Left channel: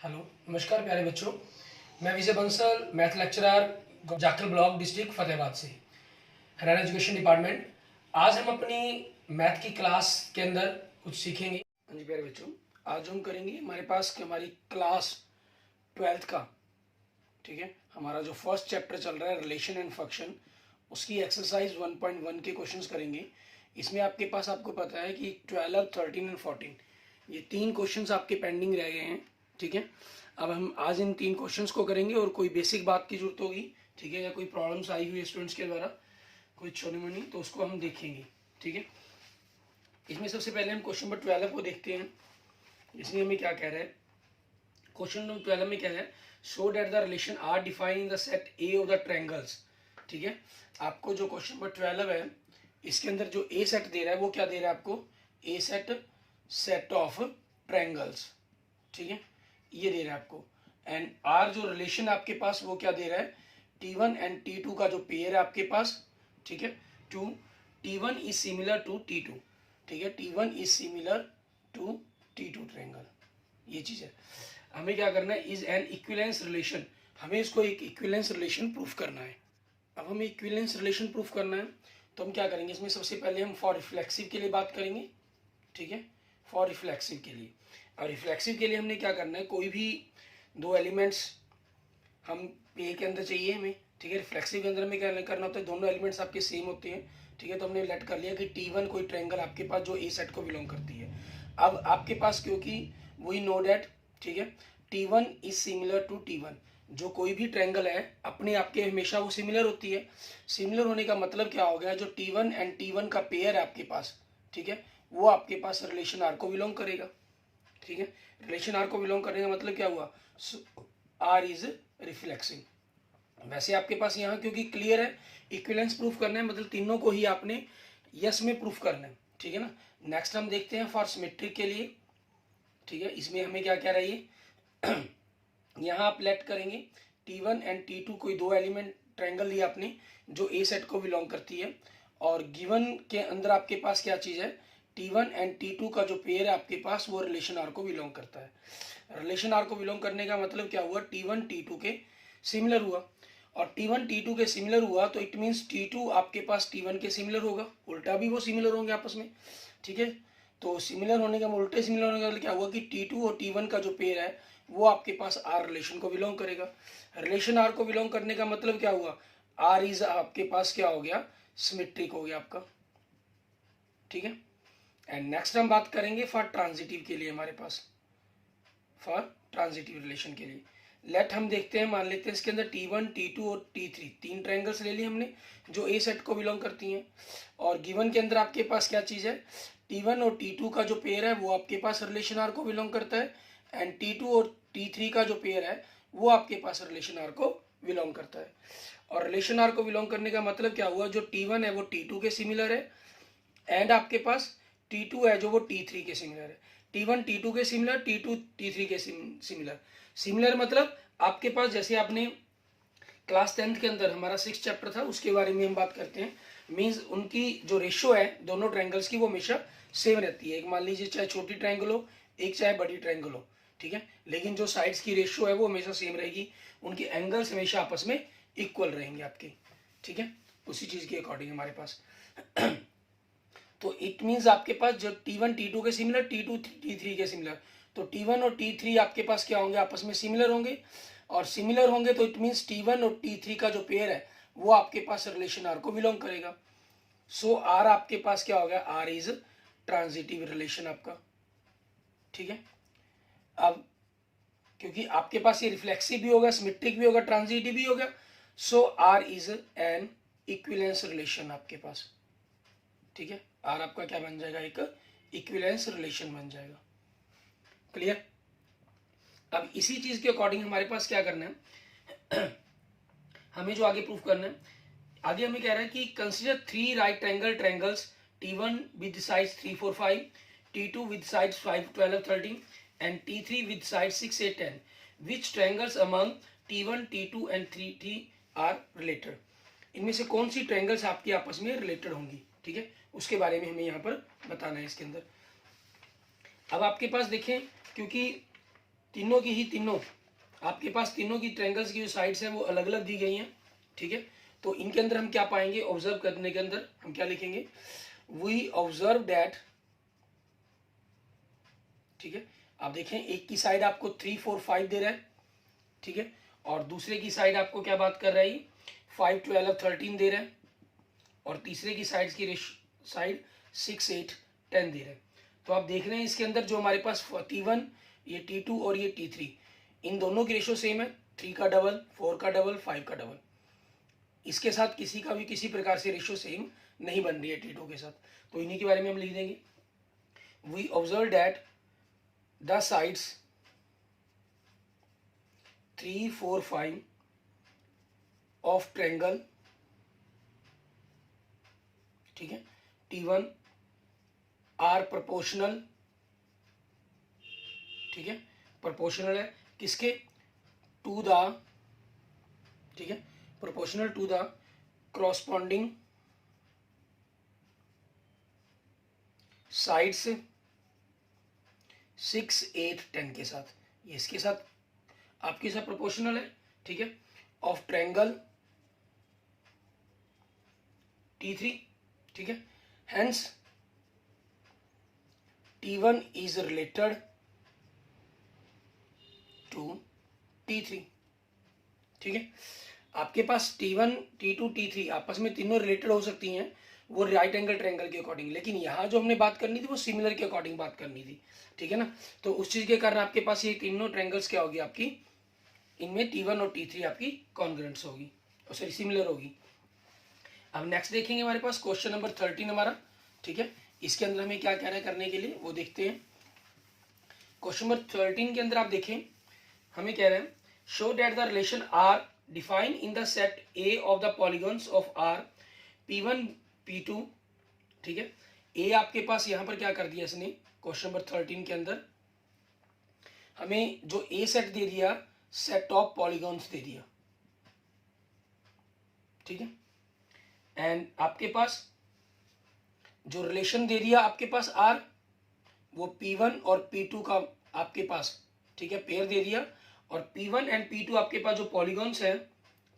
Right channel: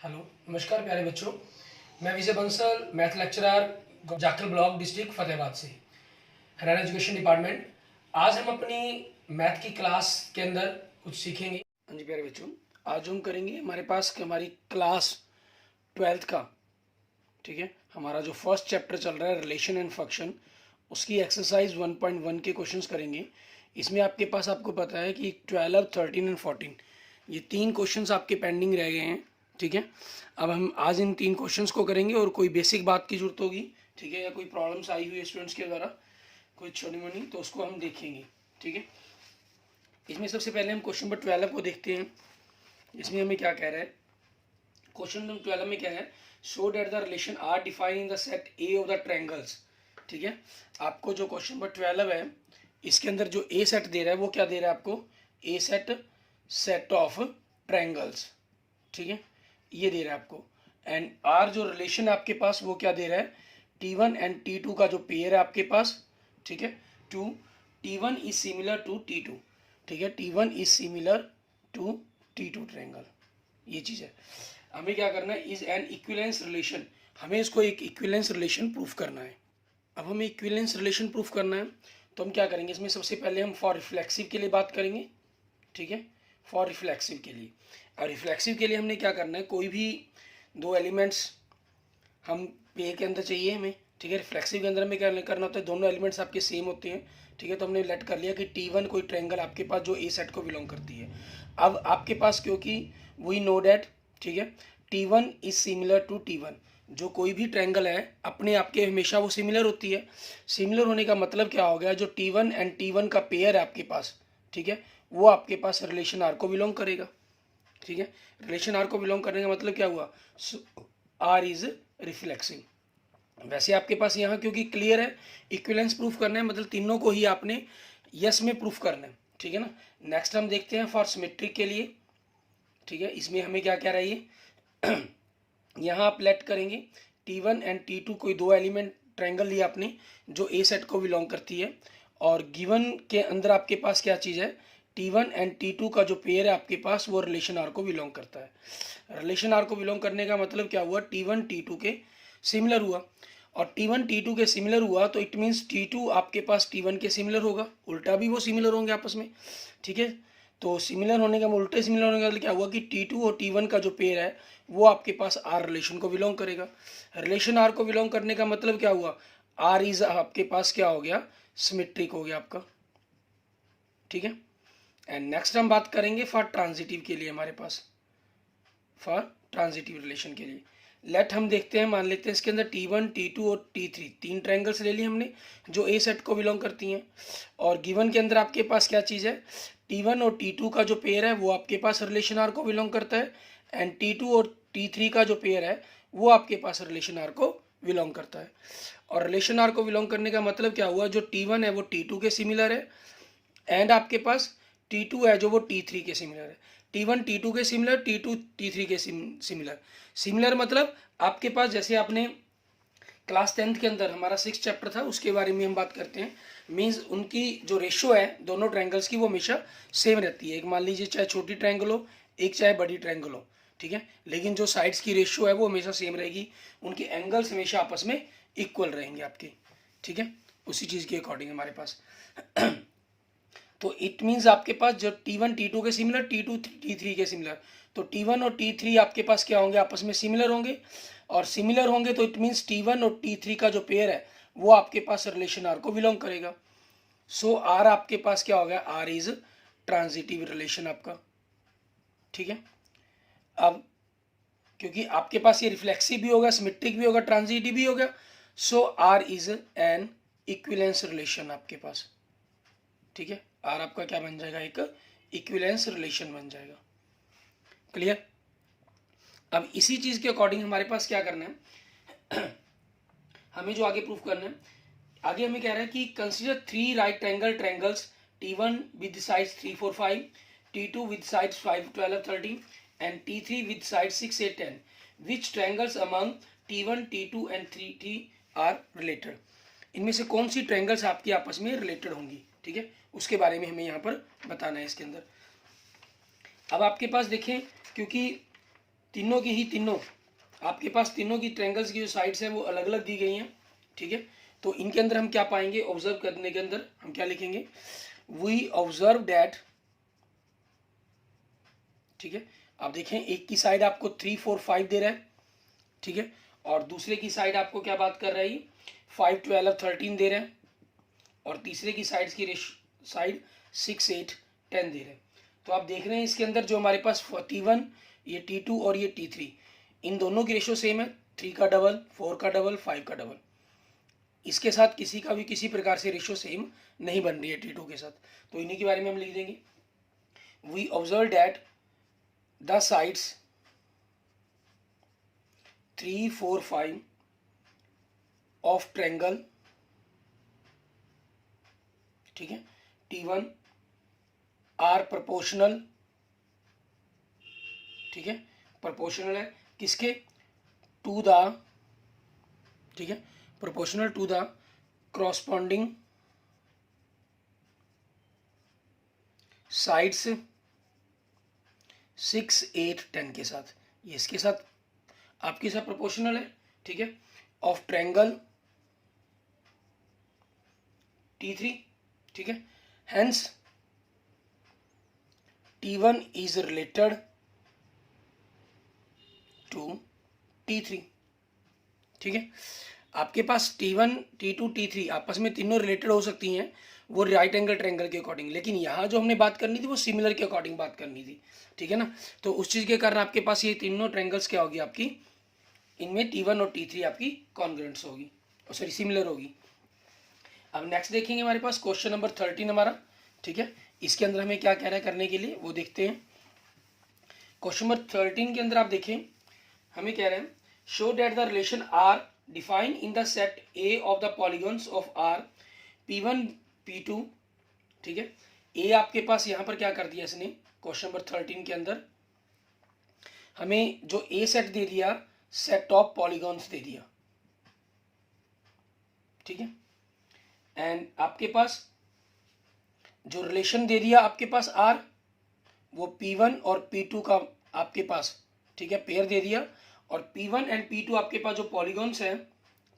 Hello, नमस्कार प्यारे बच्चों। मैं Vijay Bansal, math lecturer, Jakhal block, district Fatehabad से, हरियाणा एजुकेशन डिपार्टमेंट। आज हम अपनी मैथ की क्लास के अंदर कुछ सीखेंगे। हाँ जी प्यारे बच्चों, आज हम करेंगे हमारे पास हमारी क्लास 12th का, ठीक है, हमारा जो फर्स्ट चैप्टर चल रहा है रिलेशन एंड फंक्शन, उसकी एक्सरसाइज 1.1 के क्वेश्चंस करेंगे। इसमें आपके पास, आपको पता है कि 12, 13 एंड 14 ये तीन क्वेश्चंस आपके पेंडिंग रह गए हैं, ठीक है। अब हम आज इन तीन क्वेश्चंस को करेंगे और कोई बेसिक बात की जरूरत होगी, ठीक है, या कोई प्रॉब्लम्स आई हुई है स्टूडेंट्स के द्वारा, कोई छोटी मोटी, तो उसको हम देखेंगे, ठीक है। इसमें सबसे पहले हम क्वेश्चन नंबर 12 को देखते हैं। इसमें हमें क्या कह रहा है, क्वेश्चन नंबर 12 में क्या है, show that the relation are define in the set A of the triangles, ठीक है। आपको जो क्वेश्चन नंबर 12 है, इसके अंदर जो ए सेट दे रहा है वो क्या दे रहा है आपको, ए सेट ऑफ ट्रायंगल्स, ठीक है, ये दे रहा है आपको। एंड आर जो रिलेशन आपके पास वो क्या दे रहा है, T1 एंड T2 का जो पेयर है आपके पास, ठीक है, to T1 is similar to T2, ठीक है, T1 is similar to T2 triangle, ये चीज है। हमें क्या करना है, इज एन इक्विवेलेंस रिलेशन, हमें इसको एक इक्विवेलेंस रिलेशन प्रूफ करना है। अब हमें इक्विवेलेंस रिलेशन प्रूफ करना है तो हम क्या करेंगे, इसमें सबसे पहले हम फॉर रिफ्लेक्सिव के लिए बात करेंगे, ठीक है, फॉर रिफ्लेक्सिव के लिए। और रिफ्लेक्सिव के लिए हमने क्या करना है, कोई भी दो एलिमेंट्स हम पे के अंदर चाहिए हमें, ठीक है। रिफ्लेक्सिव के अंदर हमें क्या करना होता है, दोनों एलिमेंट्स आपके सेम होते हैं, ठीक है। तो हमने लेट कर लिया कि T1 कोई ट्रायंगल आपके पास जो ए सेट को बिलोंग करती है। अब आपके पास क्योंकि वी नो डैट, ठीक है, T1 is similar to T1, जो कोई भी ट्रायंगल है अपने आपके हमेशा वो सिमिलर होती है। सिमिलर होने का मतलब क्या हो गया, जो T1 एंड T1 का पेयर है आपके पास, ठीक है, वो आपके पास रिलेशन आर को बिलोंग करेगा, ठीक है। रिलेशन आर को बिलोंग करने का मतलब क्या हुआ, आर इज रिफ्लेक्सिव। वैसे आपके पास यहाँ क्योंकि क्लियर है, इक्विवेलेंस प्रूफ करना है, मतलब तीनों को ही आपने यस में प्रूफ करना है, ठीक है ना। नेक्स्ट हम देखते हैं फॉर सिमेट्रिक के लिए, ठीक है। इसमें हमें क्या कह रही है यहाँ आप लेट करेंगे T1 एंड T2 कोई दो एलिमेंट ट्रायंगल लिया आपने जो ए सेट को बिलोंग करती है, और गिवन के अंदर आपके पास क्या चीज़ है, T1 एंड T2 का जो पेयर है आपके पास वो रिलेशन आर को बिलोंग करता है। रिलेशन आर को बिलोंग करने का मतलब क्या हुआ, T1 T2 के सिमिलर हुआ, और T1 T2 के सिमिलर हुआ तो इट मीन्स T2 आपके पास T1 के सिमिलर होगा, उल्टा भी वो सिमिलर होंगे आपस में, ठीक है। तो सिमिलर होने का, उल्टे सिमिलर होने का मतलब क्या हुआ कि T2 और T1 का जो पेयर है वो आपके पास आर रिलेशन को बिलोंग करेगा। रिलेशन आर को बिलोंग करने का मतलब क्या हुआ, आर इज आपके पास क्या हो गया, सिमेट्रिक हो गया आपका, ठीक है। एंड नेक्स्ट हम बात करेंगे फॉर ट्रांजिटिव के लिए, हमारे पास फॉर ट्रांजिटिव रिलेशन के लिए लेट हम देखते हैं, मान लेते हैं इसके अंदर T1 T2 और T3 तीन ट्रायंगल्स ले लिए हमने जो ए सेट को बिलोंग करती हैं, और गिवन के अंदर आपके पास क्या चीज़ है, T1 और T2 का जो पेयर है वो आपके पास रिलेशन आर को बिलोंग करता है, एंड T2 और T3 का जो पेयर है वो आपके पास रिलेशन आर को बिलोंग करता है। और रिलेशन आर को बिलोंग करने का मतलब क्या हुआ, जो T1 है वो T2 के सिमिलर है, एंड आपके पास T2 है जो वो T3 के सिमिलर है। T1 T2 के सिमिलर, T2 T3 के सिमिलर। सिमिलर मतलब आपके पास, जैसे आपने क्लास 10th के अंदर हमारा 6th चैप्टर था उसके बारे में हम बात करते हैं, मीन्स उनकी जो रेशियो है दोनों ट्रायंगल्स की वो हमेशा सेम रहती है। एक मान लीजिए चाहे छोटी ट्रायंगल हो, एक चाहे बड़ी ट्रायंगल हो, ठीक है, लेकिन जो साइड्स की रेशियो है वो हमेशा सेम रहेगी, उनके एंगल्स हमेशा आपस में इक्वल रहेंगे आपके, ठीक है, उसी चीज़ के अकॉर्डिंग हमारे पास तो इट मीन्स आपके पास जब T1 T2 के सिमिलर, T2 T3 के सिमिलर, तो T1 और T3 आपके पास क्या होंगे, आपस में सिमिलर होंगे, और सिमिलर होंगे तो इट मीन्स T1 और T3 का जो पेयर है वो आपके पास रिलेशन आर को बिलोंग करेगा। सो आर आपके पास क्या हो गया, आर इज ट्रांजिटिव रिलेशन आपका, ठीक है। अब क्योंकि आपके पास ये रिफ्लेक्सिव भी होगा, सिमेट्रिक भी होगा, ट्रांजिटिव भी होगा, so R is an equivalence relation आपके पास, ठीक है। आर आपका क्या बन जाएगा, एक इक्विवेलेंस रिलेशन बन जाएगा, क्लियर। अब इसी चीज के अकॉर्डिंग हमारे पास क्या करना है हमें जो आगे प्रूफ करना है, आगे हमें कह रहा है कि consider three right angle triangles T1 with sides 3, 4, 5, T2 विद साइड्स 5, 12, 13 and T3 with sides 6, 8, 10 which triangles among T1, T2 and T3 are related. इनमें से कौन सी ट्रायंगल्स आपकी आपस में रिलेटेड होंगी, ठीक है, उसके बारे में हमें यहाँ पर बताना है इसके अंदर। अब आपके पास देखें, क्योंकि तीनों की ही तीनों आपके पास तीनों की ट्रायंगल्स की जो साइड्स हैं वो अलग अलग दी गई हैं, ठीक है। तो इनके अंदर हम क्या पाएंगे, ऑब्जर्व करने के अंदर हम क्या लिखेंगे, वी ऑब्जर्व डैट, ठीक है। आप देखें एक की साइड आपको 3 4 5 दे रहा है, ठीक है, और दूसरे की साइड आपको क्या बात कर रहा है, 5 12 13 दे रहा है, और तीसरे की साइड की साइड 6 8 10 दे रहा है। तो आप देख रहे हैं इसके अंदर जो हमारे पास T1, ये T2 और ये T3, इन दोनों की रेशो सेम है, 3 का डबल, 4 का डबल, 5 का डबल। इसके साथ किसी का भी किसी प्रकार से रेशो सेम नहीं बन रही है T2 के साथ, तो इन्हीं के बारे में हम लिख देंगे, we observe that the sides 3 4 5 of triangle, ठीक है, T1 आर प्रोपोर्शनल, ठीक है, प्रोपोर्शनल है किसके, टू द, ठीक है, proportional to the corresponding sides 6 8 10 के साथ, ये इसके साथ आपके साथ प्रोपोर्शनल है, ठीक है, ऑफ ट्रायंगल T3, ठीक है। Hence T1 is related to T3, ठीक है। आपके पास T1 T2 T3 आपस में तीनों रिलेटेड हो सकती हैं वो राइट एंगल ट्रायंगल के अकॉर्डिंग, लेकिन यहाँ जो हमने बात करनी थी वो सिमिलर के अकॉर्डिंग बात करनी थी, ठीक है ना। तो उस चीज़ के कारण आपके पास ये तीनों ट्रायंगल्स क्या होगी आपकी, इनमें T1 और T3 आपकी कॉन्ग्रुएंट्स होगी, सॉरी सिमिलर होगी। अब नेक्स्ट देखेंगे हमारे पास क्वेश्चन नंबर 13 हमारा, ठीक है। इसके अंदर हमें क्या कहना है करने के लिए वो देखते हैं। क्वेश्चन नंबर 13 के अंदर आप देखें हमें कह रहे हैं, show that the relation are define in the set A of the polygons of R P1 P2, ठीक है। ए आपके पास यहाँ पर क्या कर दिया इसने, क्वेश्चन नंबर 13 के अंदर हमें जो ए सेट दे दिया, सेट ऑफ पॉलीगॉन्स दे दिया, ठीक है। एंड आपके पास जो रिलेशन दे दिया आपके पास आर, वो P1 और P2 का आपके पास, ठीक है, पेयर दे दिया, और P1 एंड P2 आपके पास जो पॉलीगॉन्स है,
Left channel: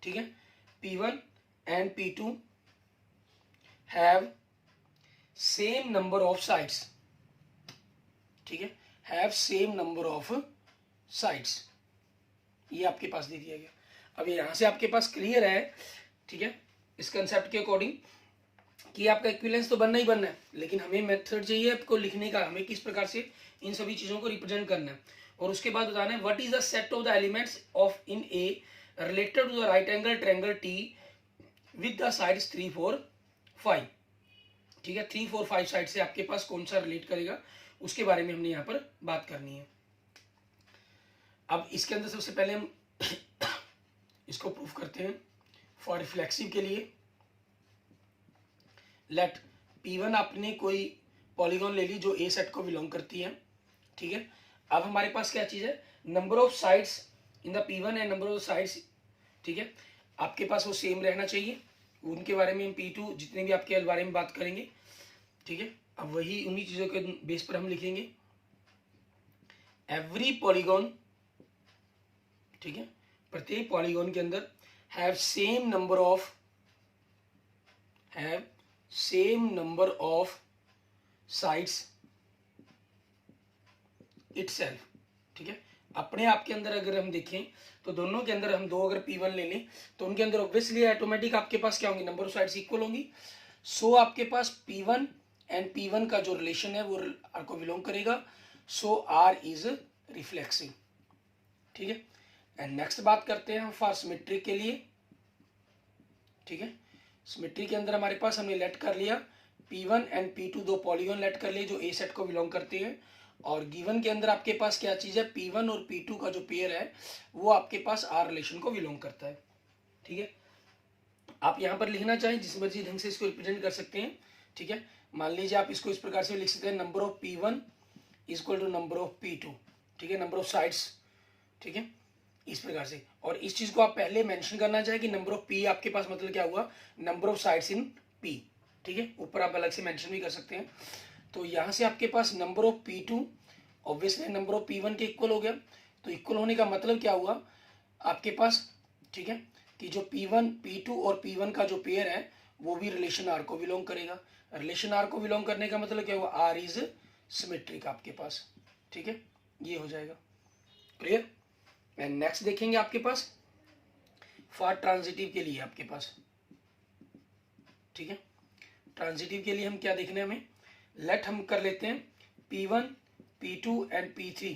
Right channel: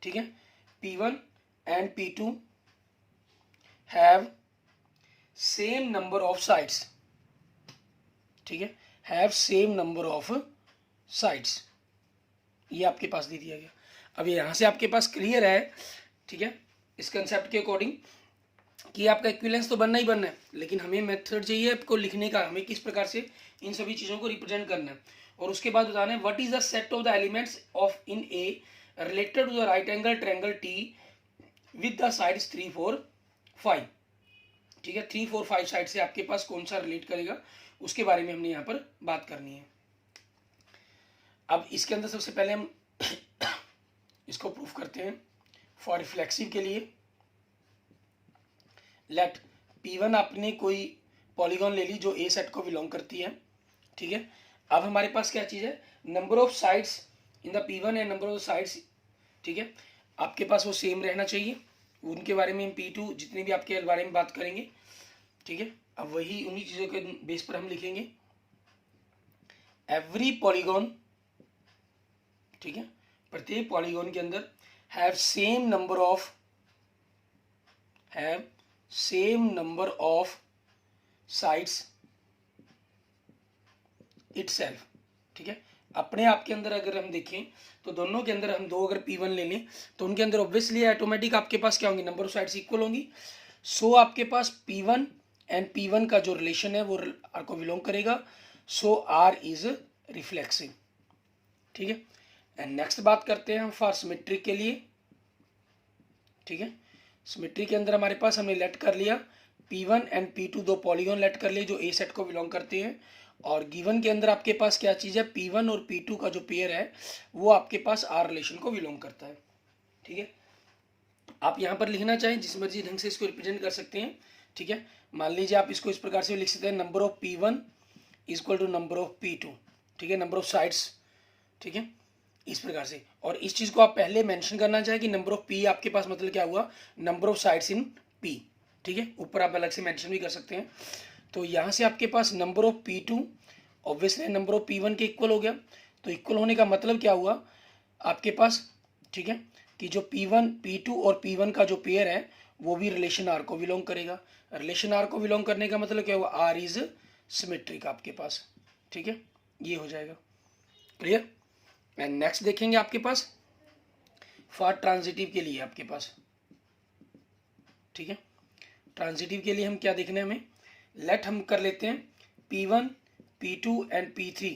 ठीक है, P1 and P2 have same number of sides, ठीक है, have same number of sides, ये आपके पास दे दिया गया। अब यहां से आपके पास क्लियर है, ठीक है, इस कंसेप्ट के अकॉर्डिंग कि आपका इक्विवेलेंस तो बनना ही बनना है, लेकिन हमें मेथड चाहिए आपको लिखने का, हमें किस प्रकार से इन सभी चीज़ों को रिप्रेजेंट करना है, और उसके बाद बताना है what is the set of the elements of in A related to the right angle triangle T with the sides 3 4 5, ठीक है। 3 4 5 साइड से आपके पास कौन सा रिलेट करेगा उसके बारे में हमने यहाँ पर बात करनी है। अब इसके अंदर सबसे पहले हम इसको प्रूफ करते हैं फॉर रिफ्लेक्सिव के लिए। लेट P1 आपने कोई पॉलीगॉन ले ली जो ए सेट को बिलोंग करती है, ठीक है। अब हमारे पास क्या चीज़ है, number of sides in the P1 and number of sides, ठीक है, आपके पास वो सेम रहना चाहिए। उनके बारे में P2 जितने भी आपके बारे में बात करेंगे, ठीक है। अब वही उन्हीं चीज़ों के बेस पर हम लिखेंगे एवरी पॉलीगॉन, ठीक है, प्रत्येक पॉलीगॉन के अंदर have same number of sides itself, ठीक है। अपने आप के अंदर अगर हम देखें तो दोनों के अंदर हम दो अगर P1 ले लें तो उनके अंदर ऑब्वियसली ऑटोमेटिक आपके पास क्या होंगी, नंबर ऑफ साइड्स इक्वल होंगी। सो आपके पास P1 एंड P1 का जो रिलेशन है वो R को बिलोंग करेगा, सो R इज रिफ्लेक्सिव, ठीक है। एंड नेक्स्ट बात करते हैं हम फॉर सिमेट्री के लिए, ठीक है। सिमेट्री के अंदर हमारे पास हमने लेट कर लिया P1 एंड P2 दो पॉलीगॉन लेट कर लिए जो ए सेट को बिलोंग करते हैं, और गिवन के अंदर आपके पास क्या चीज़ है, P1 और P2 का जो पेयर है वो आपके पास R रिलेशन को बिलोंग करता है, ठीक है। आप यहाँ पर लिखना चाहें जिस मर्जी ढंग से इसको रिप्रेजेंट कर सकते हैं, ठीक है। मान लीजिए आप इसको इस प्रकार से लिख सकते हैं, number of P1 equal to number of P2, ठीक है, नंबर ऑफ साइड्स, ठीक है, इस प्रकार से। और इस चीज को आप पहले मेंशन करना चाहें कि नंबर ऑफ P आपके पास मतलब क्या हुआ, number of sides in P, ठीक है। ऊपर आप अलग से मेंशन भी कर सकते हैं। तो यहाँ से आपके पास number of P2 obviously number of P1 के इक्वल हो गया, तो इक्वल होने का मतलब क्या हुआ आपके पास, ठीक है, कि जो P1 P2 और P1 का जो पेयर है वो भी रिलेशन आर को बिलोंग करेगा। रिलेशन आर को बिलोंग करने का मतलब क्या हुआ, आर इज सिमेट्रिक आपके पास, ठीक है, ये हो जाएगा। क्लियर। एंड नेक्स्ट देखेंगे आपके पास फॉर ट्रांजिटिव के लिए आपके पास, ठीक है, ट्रांजिटिव के लिए हम क्या देखना है हमें, लेट हम कर लेते हैं P1 P2 and P3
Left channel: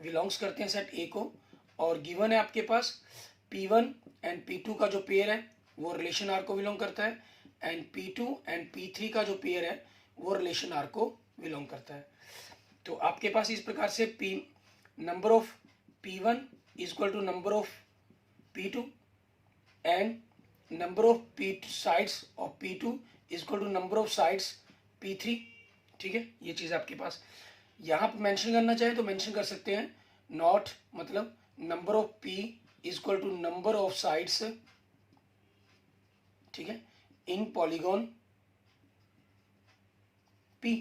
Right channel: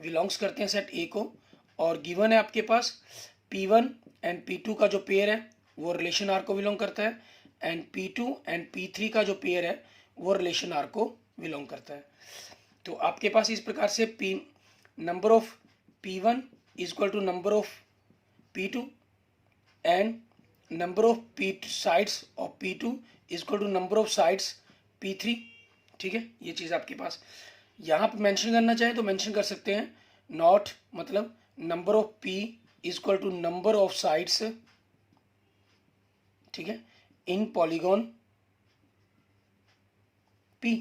belongs करते हैं सेट ए को, और गिवन है आपके पास P1 एंड P2 का जो पेयर है वो रिलेशन आर को बिलोंग करता है, एंड P2 एंड P3 का जो पेयर है वो रिलेशन आर को बिलोंग करता है। तो आपके पास इस प्रकार से number of P1 is equal to number of P2 and number of sides of P2 is equal to number of sides P3, ठीक है। ये चीज़ आपके पास यहाँ पर मेंशन करना चाहे तो मेंशन कर सकते हैं, नॉट मतलब number of P is equal to number of sides, ठीक है, इन पॉलीगॉन P,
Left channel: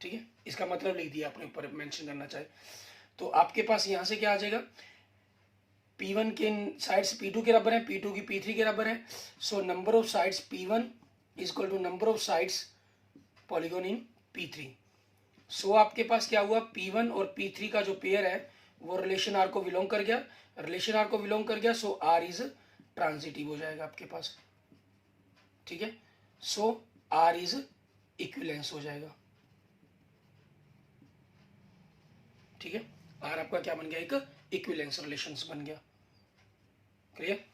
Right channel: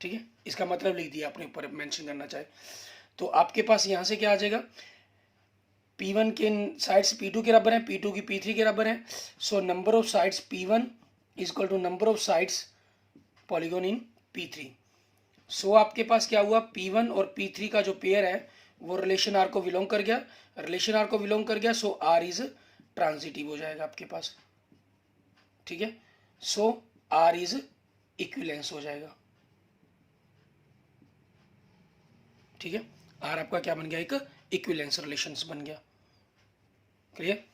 ठीक है, इसका मतलब लिख दिया अपने ऊपर मेंशन करना चाहे तो आपके पास यहाँ से क्या आ जाएगा, P1 के साइड्स P2 के बराबर है, P2 की P3 के बराबर है, so number of sides P1 is equal to number of sides polygon in P3। So आपके पास क्या हुआ, P1 और P3 का जो पेयर है वो रिलेशन आर को बिलोंग कर गया, रिलेशन आर को बिलोंग कर गया, सो आर इज ट्रांजिटिव हो जाएगा आपके पास, ठीक है, सो आर इज इक्विवेलेंस हो जाएगा, ठीक है, आर आपका क्या बन गया, एक इक्विवेलेंस रिलेशंस बन गया। क्लियर।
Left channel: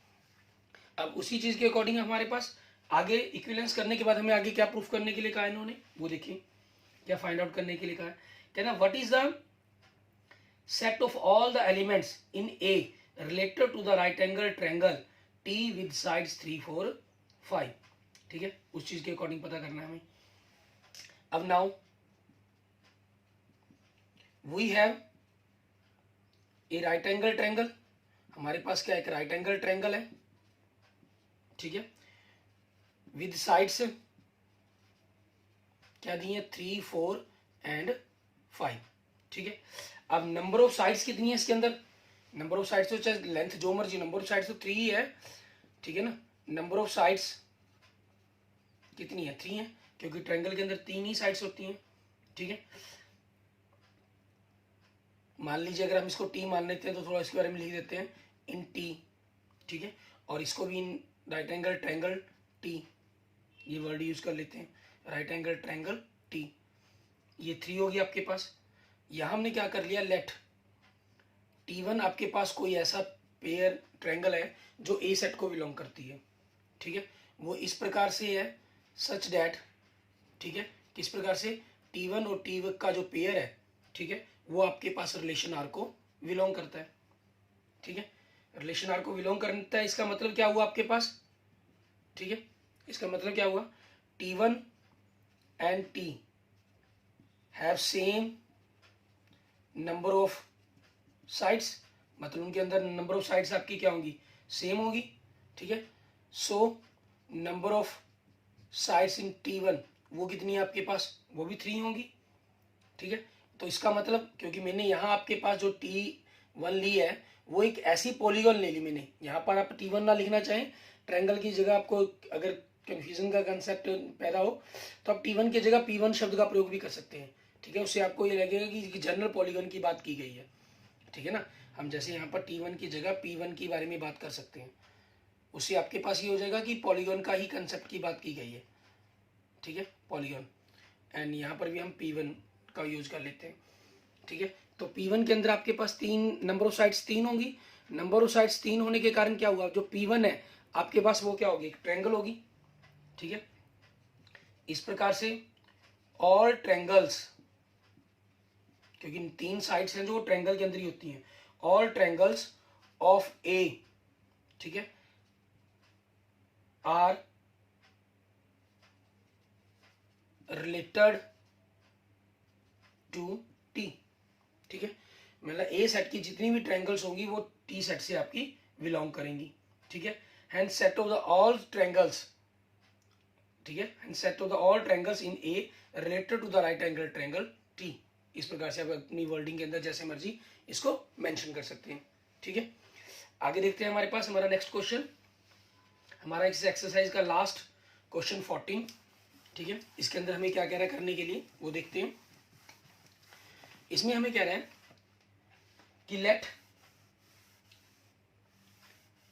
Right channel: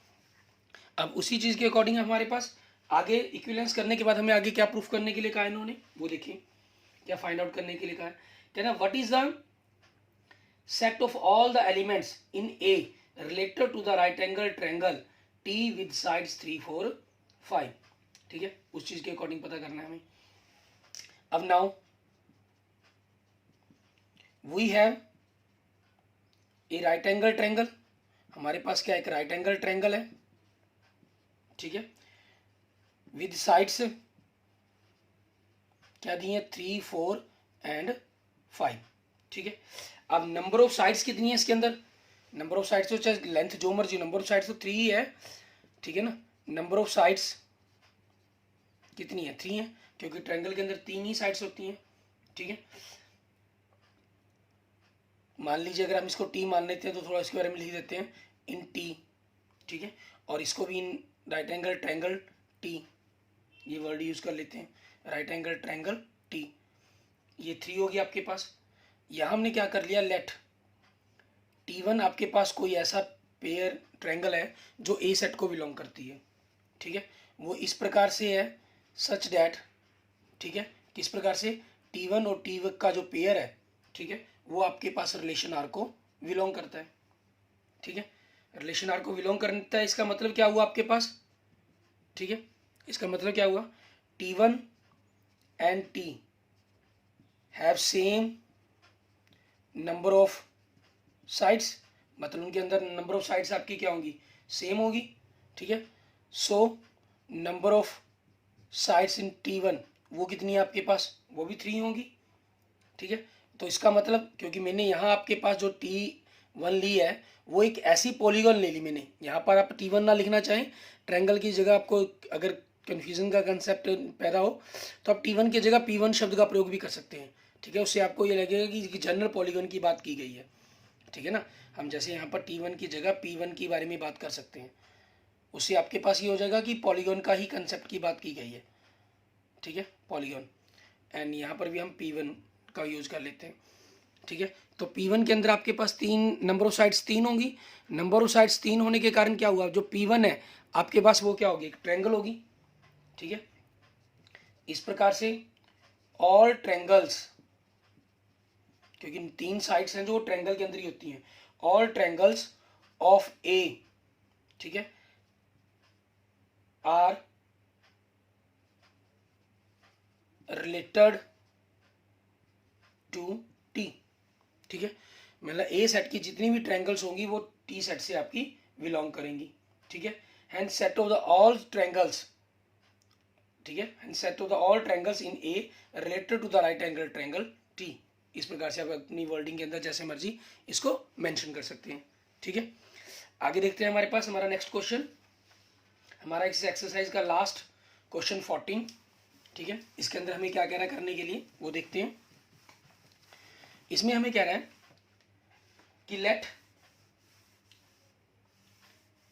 अब उसी चीज के अकॉर्डिंग हमारे पास आगे इक्विवेलेंस करने के बाद हमें आगे क्या प्रूफ करने के लिए कहा इन्होंने, वो देखिए क्या फाइंड आउट करने के लिए कहा है, कहना what is the set of all the elements in A related to the right angle triangle T with sides 3 4 5, ठीक है, उस चीज के अकॉर्डिंग पता करना है हमें। अब now we have a right angle triangle, हमारे पास क्या एक राइट एंगल ट्रायंगल है, ठीक है, विद साइड्स क्या दी है 3 4 एंड 5, ठीक है। अब नंबर ऑफ साइड्स कितनी है इसके अंदर, नंबर ऑफ साइड्स तो चाहे लेंथ जो मर्जी, नंबर ऑफ साइड्स तो 3 ही है, ठीक है ना, नंबर ऑफ साइड्स कितनी है 3 है, क्योंकि ट्रायंगल के अंदर 3 ही साइड्स होती हैं, ठीक है। मान लीजिए अगर हम इसको टी मान लेते हैं तो थोड़ा इसके बारे में लिख देते हैं इन टी, ठीक है, और इसको भी in right angle triangle T, ये वर्ड यूज कर लेते हैं, राइट एंगल ट्रायंगल टी, ये 3 होगी आपके पास। यहाँ हमने क्या कर लिया, लेट T1 आपके पास कोई ऐसा पेयर ट्रायंगल है जो ए सेट को बिलोंग करती है, ठीक है, वो इस प्रकार से है सच डैट, ठीक है, किस प्रकार से T1 और T का जो पेयर है, ठीक है, वो आपके पास रिलेशन आर को बिलोंग करता है, ठीक है, रिलेशन आर को बिलोंग करता है, इसका मतलब क्या हुआ आपके पास, ठीक है, इसका मतलब क्या हुआ, T1 and T have same number of sides, मतलब उनके अंदर नंबर ऑफ साइड्स आपकी क्या होंगी, सेम होगी, ठीक है, so number of sides in T1 वो कितनी है आपके पास, वो भी 3 होंगी, ठीक है। तो इसका मतलब क्योंकि मैंने यहाँ आपके पास जो T1 ली है वो एक ऐसी पॉलीगॉन ले ली मैंने, यहाँ पर आप T1 ना लिखना चाहें, ट्रायंगल की जगह आपको अगर कन्फ्यूजन का कंसेप्ट पैदा हो तो आप T1 की जगह P1 शब्द का प्रयोग भी कर सकते हैं, ठीक है, उससे आपको ये लगेगा कि जनरल पॉलीगॉन की बात की गई है, ठीक है ना, हम जैसे यहाँ पर T1 की जगह P1 की बारे में बात कर सकते हैं, उससे आपके पास ये हो जाएगा कि पॉलीगॉन का ही कंसेप्ट की बात की गई है, ठीक है, पॉलीगॉन, एंड यहाँ पर भी हम P1 का यूज कर लेते हैं, ठीक है। तो P1 के अंदर आपके पास 3 नंबर ऑफ साइड्स 3 होंगी, नंबर ऑफ साइड्स 3 होने के कारण क्या हुआ, जो P1 है आपके पास वो क्या होगी, एक ट्रायंगल होगी, ठीक है। इस प्रकार से ऑल ट्रायंगल्स, क्योंकि 3 साइड्स हैं जो ट्रायंगल के अंदर ही होती हैं, ऑल ट्रायंगल्स ऑफ ए, ठीक है, आर रिलेटेड टू टी, ठीक है, मतलब ए सेट की जितनी भी ट्रायंगल्स होंगी वो टी सेट से आपकी बिलोंग करेंगी, ठीक है, and set of the all triangles, ठीक है, and set of the all triangles in A related to the right angle triangle T, इस प्रकार से आप अपनी वर्डिंग के अंदर जैसे मर्जी इसको मेंशन कर सकते हैं। ठीक है, आगे देखते हैं हमारे पास हमारा नेक्स्ट क्वेश्चन, हमारा इस एक्सरसाइज का लास्ट क्वेश्चन 14। ठीक है, इसके अंदर हमें क्या कह रहा है करने के लिए वो देखते हैं। इसमें हमें कह रहा है कि लेट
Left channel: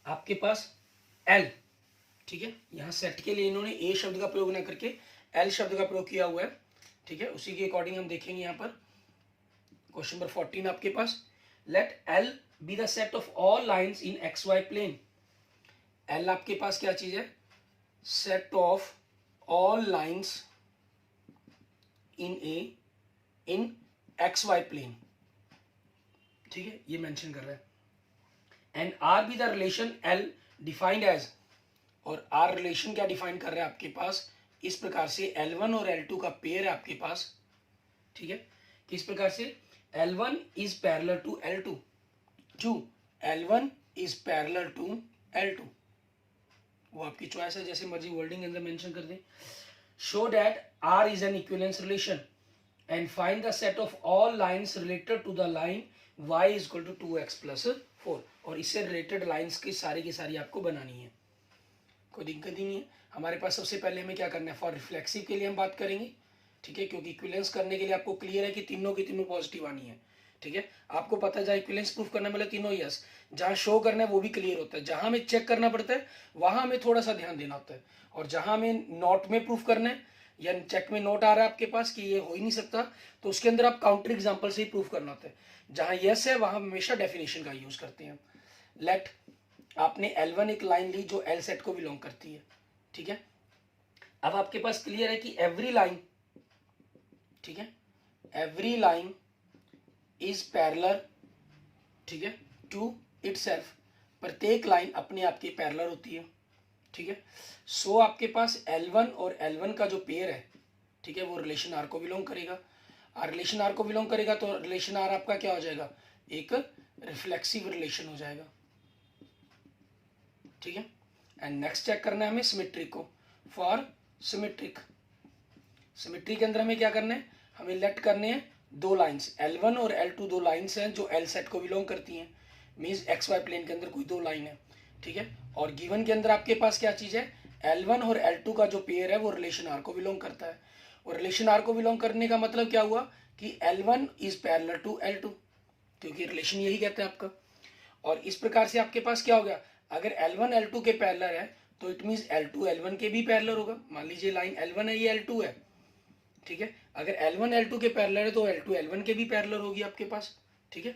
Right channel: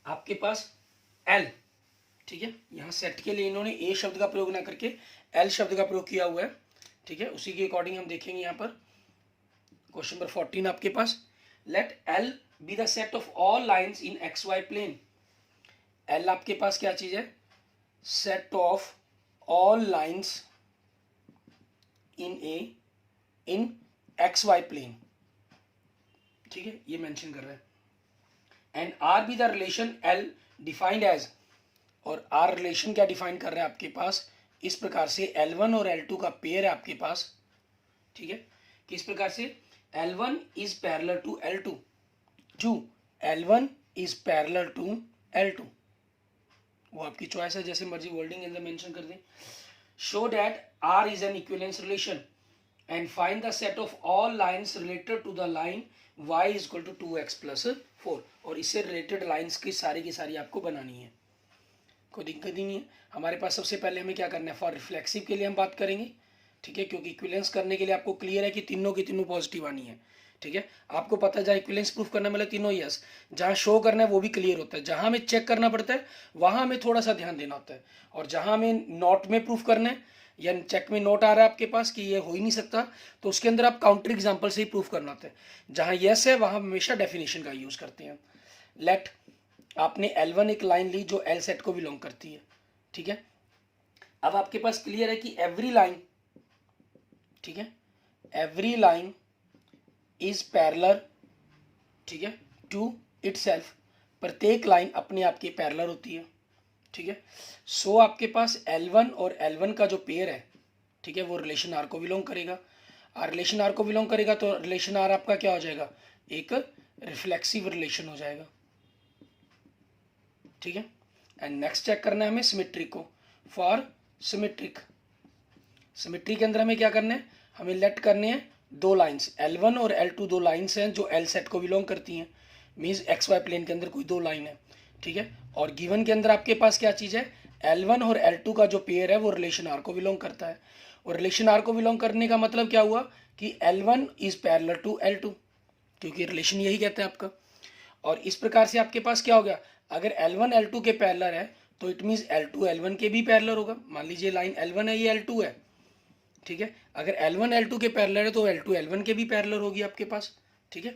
आपके पास एल, ठीक है, यहाँ सेट के लिए इन्होंने ए शब्द का प्रयोग ना करके एल शब्द का प्रयोग किया हुआ है। ठीक है, उसी के अकॉर्डिंग हम देखेंगे यहाँ पर क्वेश्चन नंबर 14 आपके पास, let L be the set of all lines in X Y plane. L आपके पास क्या चीज है, set of all lines in X Y plane. ठीक है, ये मेंशन कर रहा है। And R be the relation L defined as, और आर रिलेशन क्या डिफाइन कर रहा है आपके पास इस प्रकार से, L1 और L2 का पेयर है आपके पास। ठीक है, किस प्रकार से, L1 is parallel to L2, to L1 is parallel to L2, वो आपकी चॉइस है, जैसे मर्जी वर्डिंग के अंदर मेंशन कर दें। Show that R is an equivalence relation and find the set of all lines related to the line y is equal to 2x plus 4, और इससे रिलेटेड लाइंस की सारी आपको बनानी है, कोई दिक्कत ही नहीं है। हमारे पास सबसे पहले हमें क्या करना है, फॉर रिफ्लेक्सिव के लिए हम बात करेंगे। ठीक है, क्योंकि इक्विवेलेंस करने के लिए आपको क्लियर है कि तीनों की तीनों पॉजिटिव आनी है। ठीक है, आपको पता है जहाँ इक्विवेलेंस प्रूफ करना मतलब तीनों यस, जहाँ शो करना है वो भी क्लियर होता है, जहाँ हमें चेक करना पड़ता है वहाँ हमें थोड़ा सा ध्यान देना होता है, और जहाँ हमें नोट में प्रूफ करना है या चेक में नोट आ रहा है आपके पास कि ये हो ही नहीं सकता, तो उसके अंदर आप काउंटर एग्जाम्पल से ही प्रूफ करना होता है। जहाँ यस है वहाँ हमेशा डेफिनेशन का यूज करते हैं। लेट आपने L1 एक लाइन ली जो L सेट को बिलोंग करती है। ठीक है, अब आपके पास क्लियर है कि एवरी लाइन, ठीक है, एवरी लाइन इज पैरेलल, ठीक है, टू इटसेल्फ, प्रत्येक लाइन अपने आप की पैरेलल होती है। ठीक है, सो आपके पास L1 और L1 का जो पेयर है, ठीक है, वो रिलेशन R को बिलोंग करेगा। और रिलेशन R को बिलोंग करेगा तो रिलेशन R आपका क्या हो जाएगा, एक रिफ्लेक्सिव रिलेशन हो जाएगा। ठीक है, एंड नेक्स्ट चेक करना है हमें सिमेट्री को। फॉर सिमेट्रिक, सिमेट्री के अंदर हमें क्या करना है, हमें लेट करने हैं दो लाइंस, L1 और L2 दो लाइंस हैं जो L सेट को बिलोंग करती हैं, मीन्स एक्स वाई प्लेन के अंदर कोई दो लाइन है। ठीक है, और गिवन के अंदर आपके पास क्या चीज़ है, L1 और L2 का जो पेयर है वो रिलेशन R को बिलोंग करता है, और रिलेशन R को बिलोंग करने का मतलब क्या हुआ कि L1 is parallel to L2, क्योंकि रिलेशन यही कहता है आपका। और इस प्रकार से आपके पास क्या हो गया, अगर L1 L2 के पैरेलल है तो इट मीन्स L2 L1 के भी पैरेलल होगा। मान लीजिए लाइन L1 है, ये L2 है। ठीक है, अगर L1 L2 के पैरेलल है तो L2 L1 के भी पैरेलल होगी आपके पास। ठीक है,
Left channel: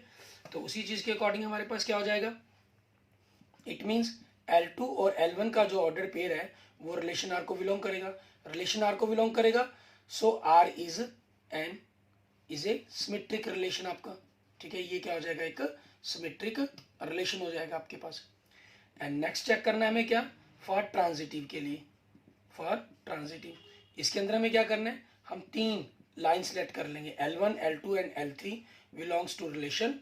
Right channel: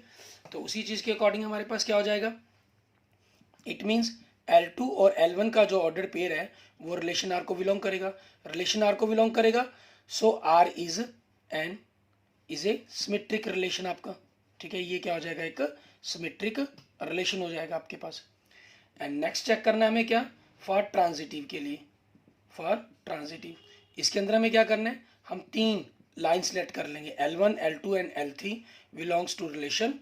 तो उसी चीज के अकॉर्डिंग हमारे पास क्या हो जाएगा, इट मीन्स L2 और L1 का जो ऑर्डर पेयर है वो रिलेशन R को बिलोंग करेगा, रिलेशन R को बिलोंग करेगा, सो R is a symmetric relation आपका। ठीक है, ये क्या हो जाएगा, एक सिमेट्रिक रिलेशन हो जाएगा आपके पास। एंड नेक्स्ट चेक करना है हमें क्या, फॉर ट्रांजिटिव के लिए, फॉर ट्रांजिटिव इसके अंदर हमें क्या करना है, हम तीन लाइन सेलेक्ट कर लेंगे, L1 L2 and L3 belongs to relation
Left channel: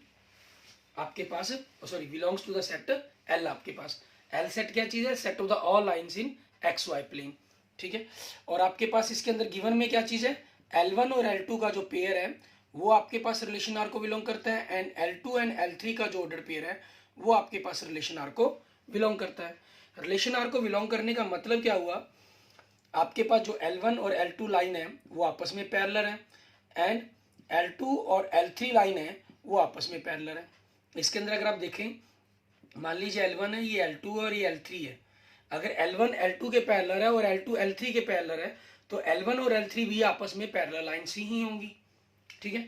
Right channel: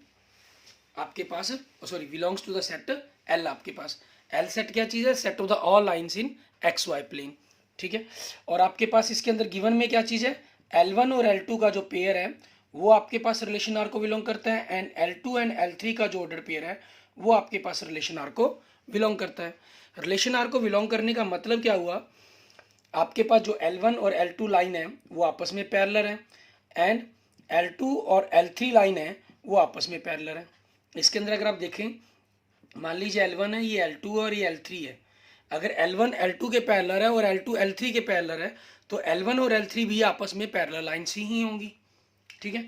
आपके पास, sorry belongs to the set L आपके पास। L सेट क्या चीज़ है, set of the all lines in X Y plane. ठीक है, और आपके पास इसके अंदर गिवन में क्या चीज़ है, L1 और L2 का जो पेयर है वो आपके पास रिलेशन R को बिलोंग करता है, एंड L2 एंड L3 का जो ऑर्डर पेयर है वो आपके पास रिलेशन R को बिलोंग करता है। रिलेशन R को बिलोंग करने का मतलब क्या हुआ, आपके पास जो L1 और L2 लाइन है वो आपस में पैरेलल है, एंड L2 और L3 लाइन है वो आपस में पैरेलल है। इसके अंदर अगर आप देखें, मान लीजिए L1 है, ये L2 और ये L3 है, अगर L1 L2 के पैरेलल है और L2 L3 के पैरेलल है तो L1 और L3 भी आपस में पैरेलल लाइन्स ही होंगी। ठीक है,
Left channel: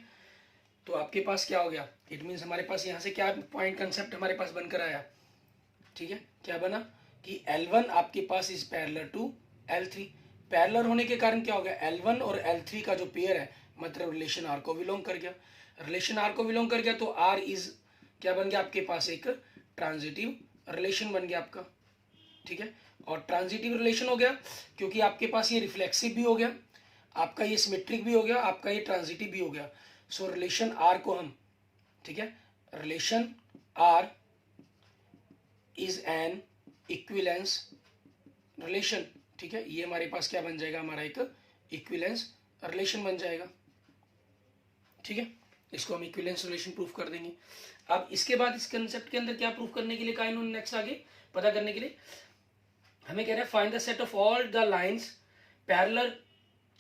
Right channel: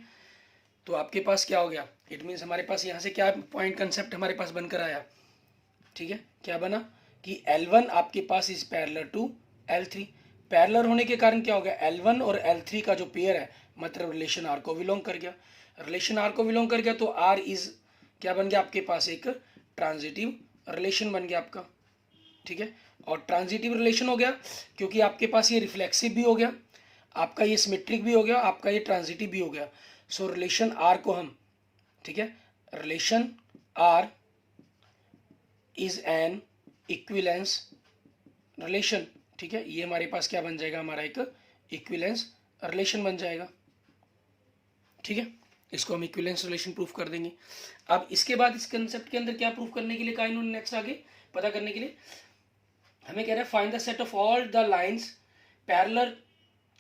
तो आपके पास क्या हो गया, इट मीन्स हमारे पास यहाँ से क्या पॉइंट कंसेप्ट हमारे पास बनकर आया। ठीक है, क्या बना कि L1 आपके पास is parallel to L3, parallel होने के कारण क्या हो गया, L1 और L3 का जो पेयर है मतलब रिलेशन R को बिलोंग कर गया, रिलेशन R को बिलोंग कर गया तो R इज क्या बन गया आपके पास, एक ट्रांजिटिव रिलेशन बन गया आपका। ठीक है, और ट्रांजिटिव रिलेशन हो गया क्योंकि आपके पास ये रिफ्लेक्सिव भी हो गया, आपका ये सिमेट्रिक भी हो गया, आपका ये ट्रांजिटिव भी हो गया। सो रिलेशन R को हम, ठीक है, relation R is an equivalence relation. ठीक है, ये हमारे पास क्या बन जाएगा, हमारा एक इक्विवेलेंस रिलेशन बन जाएगा। ठीक है, इसको हम इक्विवेलेंस रिलेशन प्रूफ कर देंगे। अब इसके बाद इस कंसेप्ट के अंदर क्या प्रूफ करने के लिए कहा इन्होंने नेक्स्ट आगे पता करने के लिए हमें कह रहे हैं find the set of all the lines parallel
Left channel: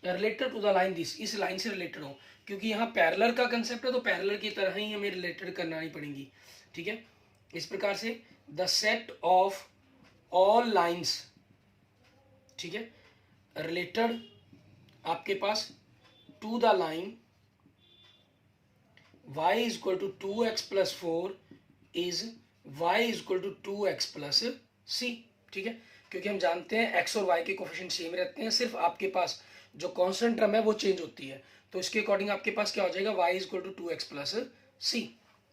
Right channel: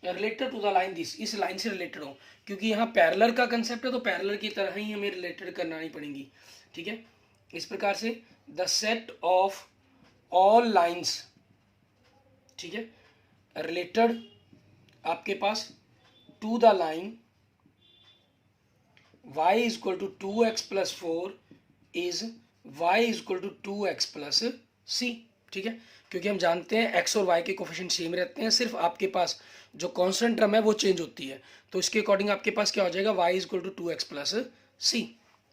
related to the line this, इस लाइन से रिलेटेड हो, क्योंकि यहाँ पैरेलल का कंसेप्ट है तो पैरेलल की तरह ही हमें रिलेटेड करना ही पड़ेंगी। ठीक है, इस प्रकार से the set of all lines, ठीक है, रिलेटेड आपके पास to the line y is equal to 2x plus 4 is y is equal to 2x plus c। ठीक है, क्योंकि हम जानते हैं x और y के कोफिशिएंट सेम रहते हैं, सिर्फ आपके पास जो कांस्टेंट टर्म है वो चेंज होती है, तो इसके अकॉर्डिंग आपके पास क्या हो जाएगा y is equal to 2x plus c।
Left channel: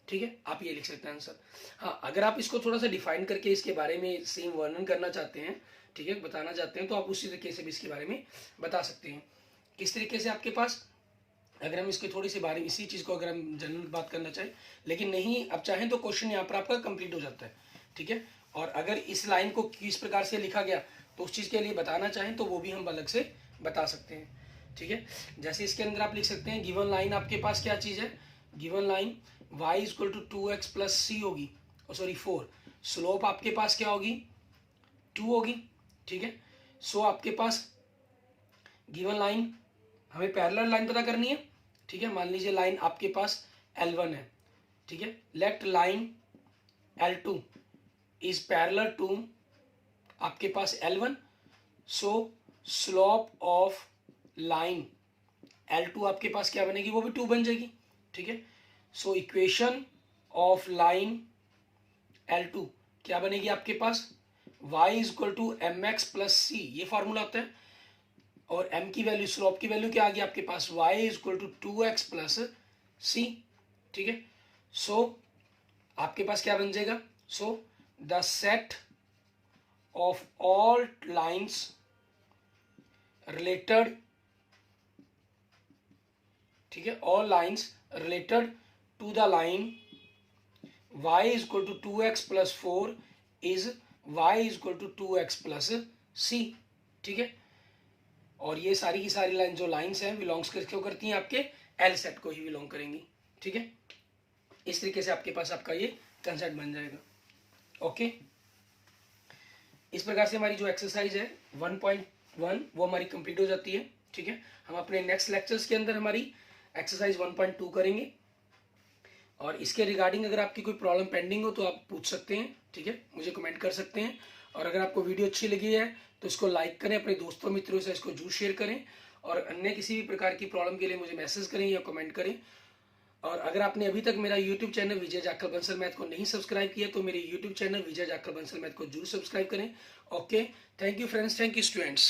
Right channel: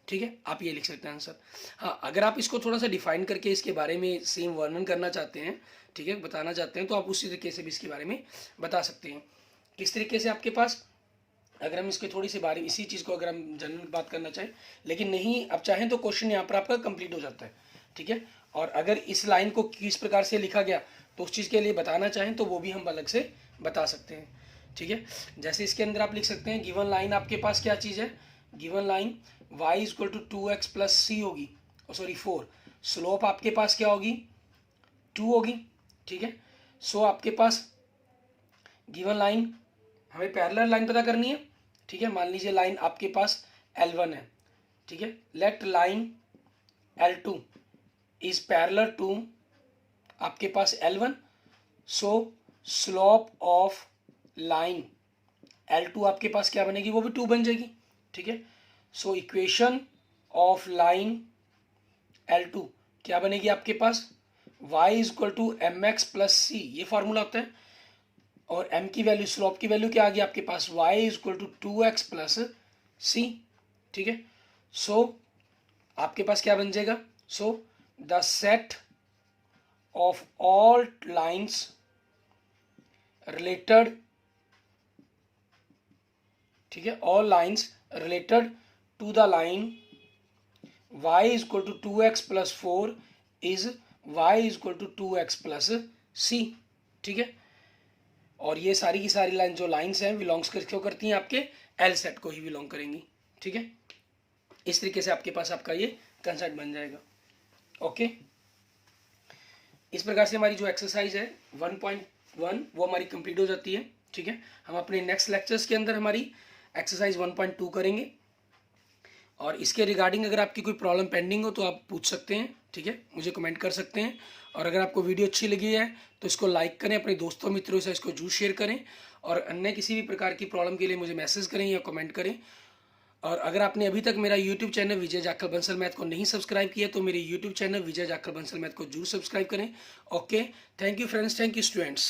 ठीक है, आप ये लिख सकते हैं आंसर। हाँ, अगर आप इसको थोड़ा सा डिफाइन करके इसके बारे में सेम वर्णन करना चाहते हैं, ठीक है, बताना चाहते हैं, तो आप उसी तरीके से भी इसके बारे में बता सकते हैं। किस तरीके से आपके पास, अगर हम इसके थोड़ी सी बारे में इसी चीज़ को अगर हम जनरल बात करना चाहें, लेकिन नहीं अब चाहें तो क्वेश्चन यहाँ पर आपका कंप्लीट हो जाता है। ठीक है, और अगर इस लाइन को किस प्रकार से लिखा गया तो उस चीज़ के लिए बताना चाहें तो वो भी हम अलग से बता सकते हैं। ठीक है, जैसे इसके अंदर आप लिख सकते हैं गिवन लाइन आपके पास क्या चीज़ है, given line y is equal to 2x plus c होगी, सॉरी 4, स्लोप आपके पास क्या होगी 2 होगी। ठीक है, सो आपके पास गिवन लाइन, हमें पैरेलल लाइन पता करनी है। ठीक है, मान लीजिए लाइन आपके पास L1 है। ठीक है, let line L2 is parallel to आपके पास L1, so slope of line L2 आपके पास क्या बनेगी, वो भी 2 बन जाएगी। ठीक है, so equation of line L2 क्या बनेगी आपके पास, y is equal to mx plus c, ये फॉर्मूला होता है, और m की वैल्यू, स्लोप की वैल्यू क्या आ गई आपके पास, y is equal to 2x plus c। ठीक है, सो आपके पास क्या बन जाएगा, so the set of all lines related, ठीक है, all lines related to the line y is equal to 2x plus 4 is y is equal to 2x plus c। ठीक है, और ये सारी की सारी लाइन जो लाइंस हैं बिलोंग्स क्यों करती हैं, आपके एल सेट को ही बिलोंग करेंगी। ठीक है, इस तरीके से आपके पास आपका ये कंसेप्ट बन जाएगा। ओके, इस प्रकार से हमारी जो एक्सरसाइज है 1.1 वो हमारी कंप्लीट हो जाती है। ठीक है, हम अपने नेक्स्ट लेक्चर्स के अंदर हमारी एक्सरसाइज 1.2 करेंगे, और इसके रिगार्डिंग अगर आपकी कोई प्रॉब्लम पेंडिंग हो तो आप पूछ सकते हैं। ठीक है, मुझे कमेंट कर सकते हैं, और अगर आपको वीडियो अच्छी लगी है तो इसको लाइक करें, अपने दोस्तों मित्रों से इसको जरूर शेयर करें, और अन्य किसी भी प्रकार की प्रॉब्लम के लिए मुझे मैसेज करें या कमेंट करें। और अगर आपने अभी तक मेरा यूट्यूब चैनल विजय जाखड़ बंसल मैथ को नहीं सब्सक्राइब किया तो मेरे यूट्यूब चैनल विजय जाखड़ बंसल मैथ को जरूर सब्सक्राइब करें। Okay, thank you friends, thank you students.